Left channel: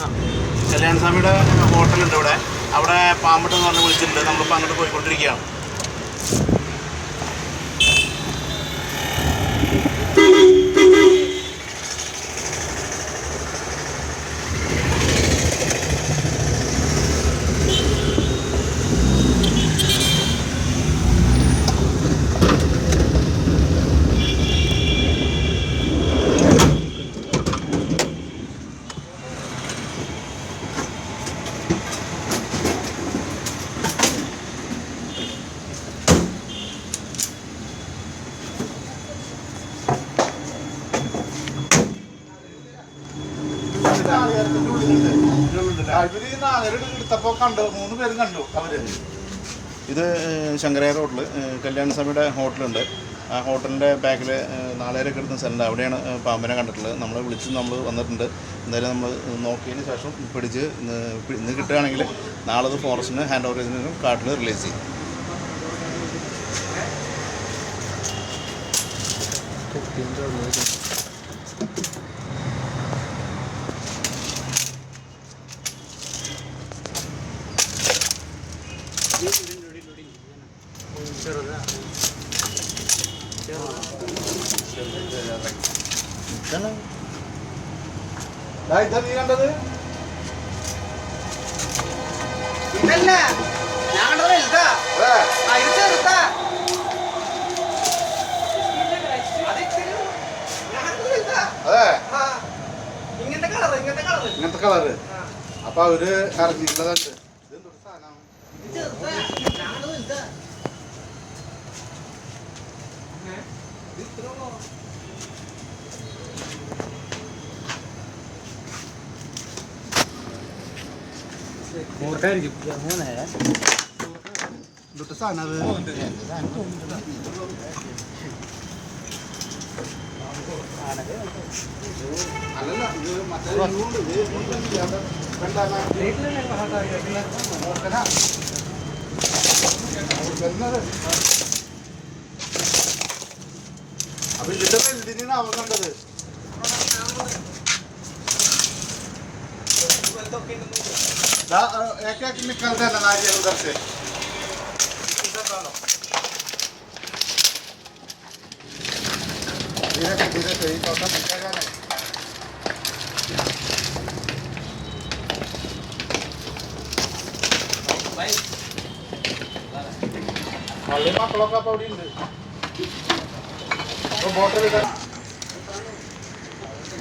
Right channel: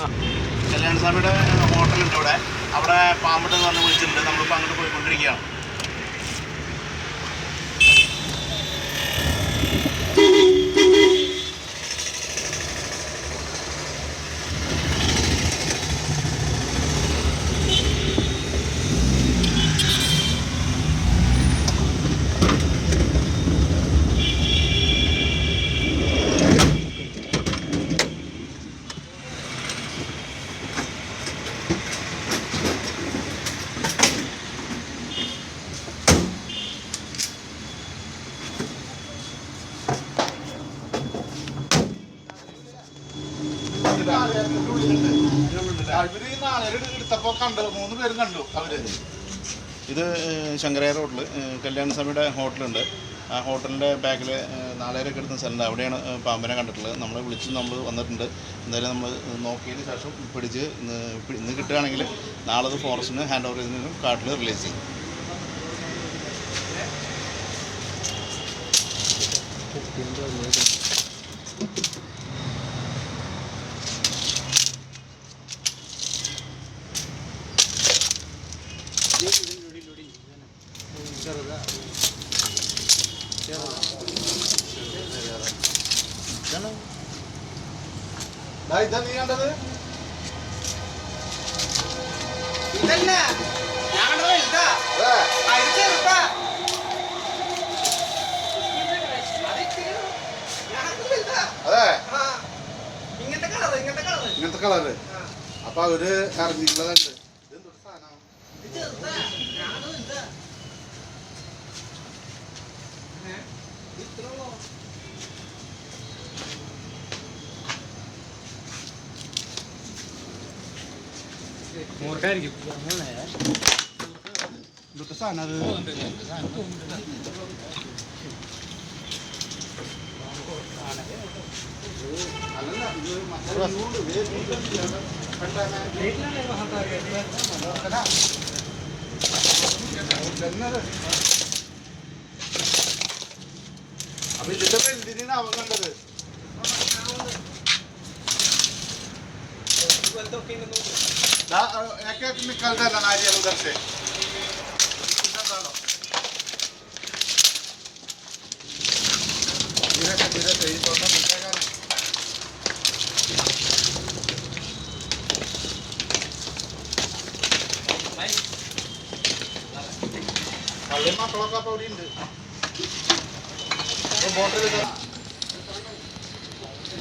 കല്യാണസ്വാമിയുടെ ഹോട്ടലുണ്ട് ഇവിടെ. അവിടെ പാമ്പട്ടെന്ന് പറഞ്ഞ് വിളിച്ചിട്ടുണ്ട്. നമ്മളിപ്പോൾ അങ്ങോട്ട് പോയിക്കൊണ്ടിരിക്കുകയാണ്. ഇത് ശങ്കരായ റോഡിൽ കല്യാണസ്വാമിയുടെ ഹോട്ടലുണ്ട്. ആ ഹോട്ടലിൻ്റെ ബാക്കിൽ നാളേരൊക്കെ എടുക്കുന്ന സ്ഥലമുണ്ട്. അവിടെയാണ് പാമ്പിനെ കണ്ടിട്ടുള്ളത്. നമ്മളെ വിളിച്ച് നമ്മൾ വന്നിട്ടുണ്ട്. എന്തായാലും നമ്മൾ നോക്കിയതിന് ശേഷം പിടിച്ച് ഇന്ന് കിട്ടുകയാണെങ്കിൽ നാളെ അത് ഫോറസ്റ്റിന് ഹാൻഡ് ഓവർ ചെയ്തതിനും കാട്ടിൽ റിലീസ് ചെയ്യും. ഇങ്ങനത്തെ കളറ് അപ്പൊ അവര് അറിഞ്ഞിട്ടുള്ളതുണ്ട്. സാധനം അത് അപ്പൊ ഇതിന്റെ വെള്ളിനാണ് അവൻ കണ്ടത്. निकलता है नारियल उधर से धीरे धीरे पौधा निकलेगा ना. Lima kalau kapal ini, botol